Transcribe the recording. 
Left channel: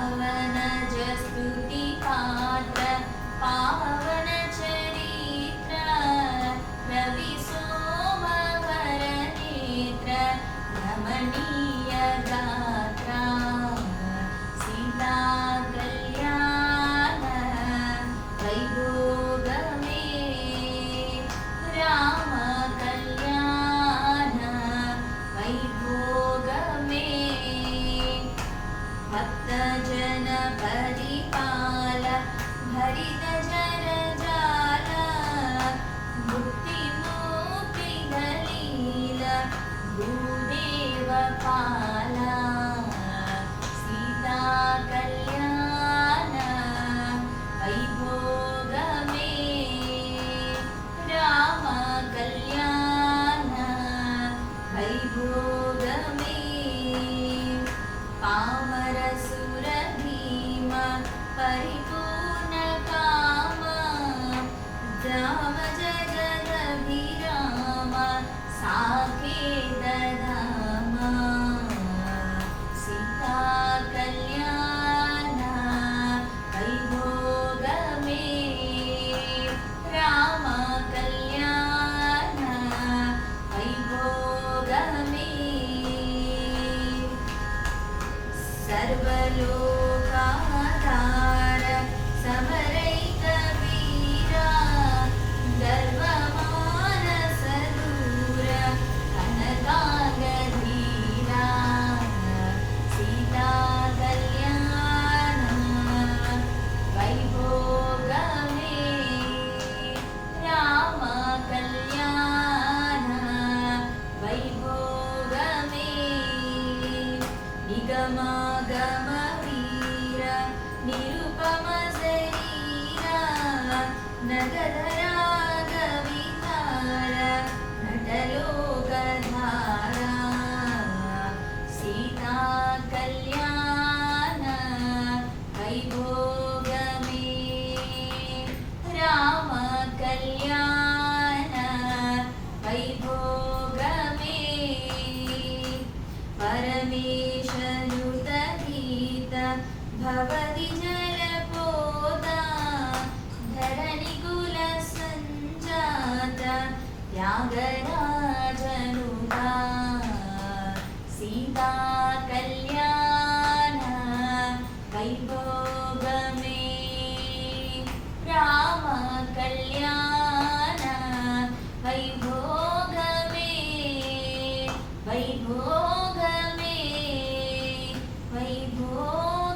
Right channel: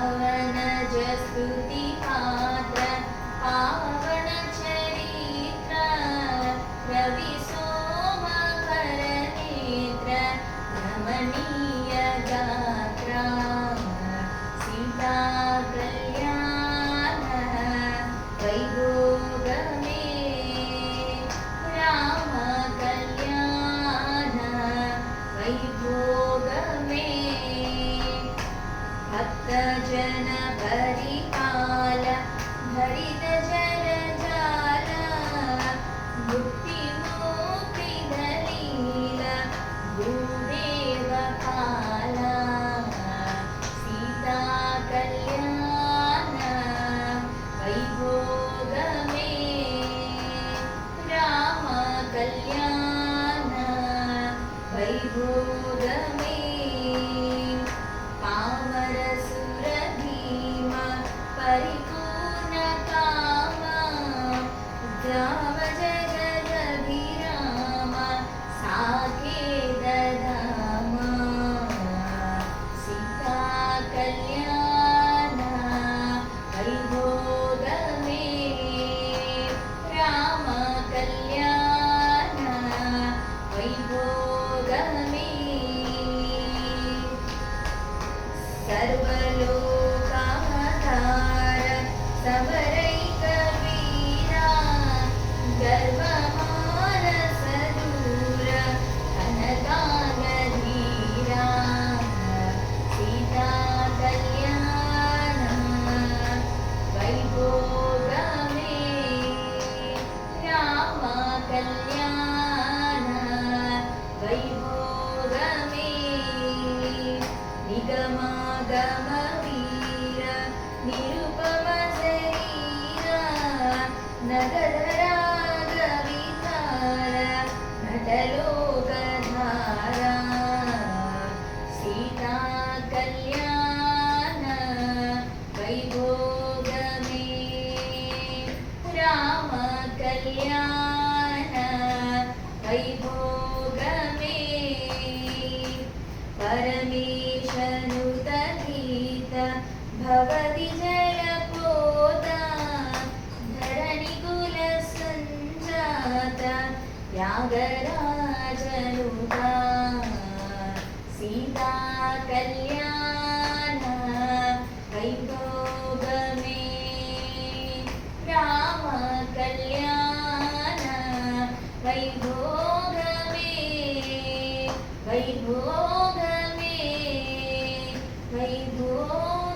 पवनज स्तुति पात्र पावन चरित्र रवि सोमवर नेत्र रमणीय गात्र सीता कल्याण वैभोगमे राम कल्याण वैभोगमे भक्त जन परिपाल भरित जन जाल मुक्ति मुक्ति दलील भूदेव काला सीता कल्याण वैभोगमे राम कल्याण वैभोगमे परिपूर्ण काम राम जगदभिराम साकेत धाम सीता कल्याण वैभोगमे राम कल्याण वैभोगमे सर्वलोक समरैक वीरा गर्वमानस दूर कनकांग धीरा सीता कल्याण वैभोगमे राम कल्याण वैभोगमे निगमागम वीर निरुपम नगधरागवितार नटलोकधारा सीता कल्याण वैभोगमे राम कल्याण वैभोगमे परमेशनुतहित भवति जलपोता धरणिकुल संजात त्यागराजनुता सीता कल्याण वैभोगमे राम कल्याण वैभोगमे वैभोगमे वैभोगमे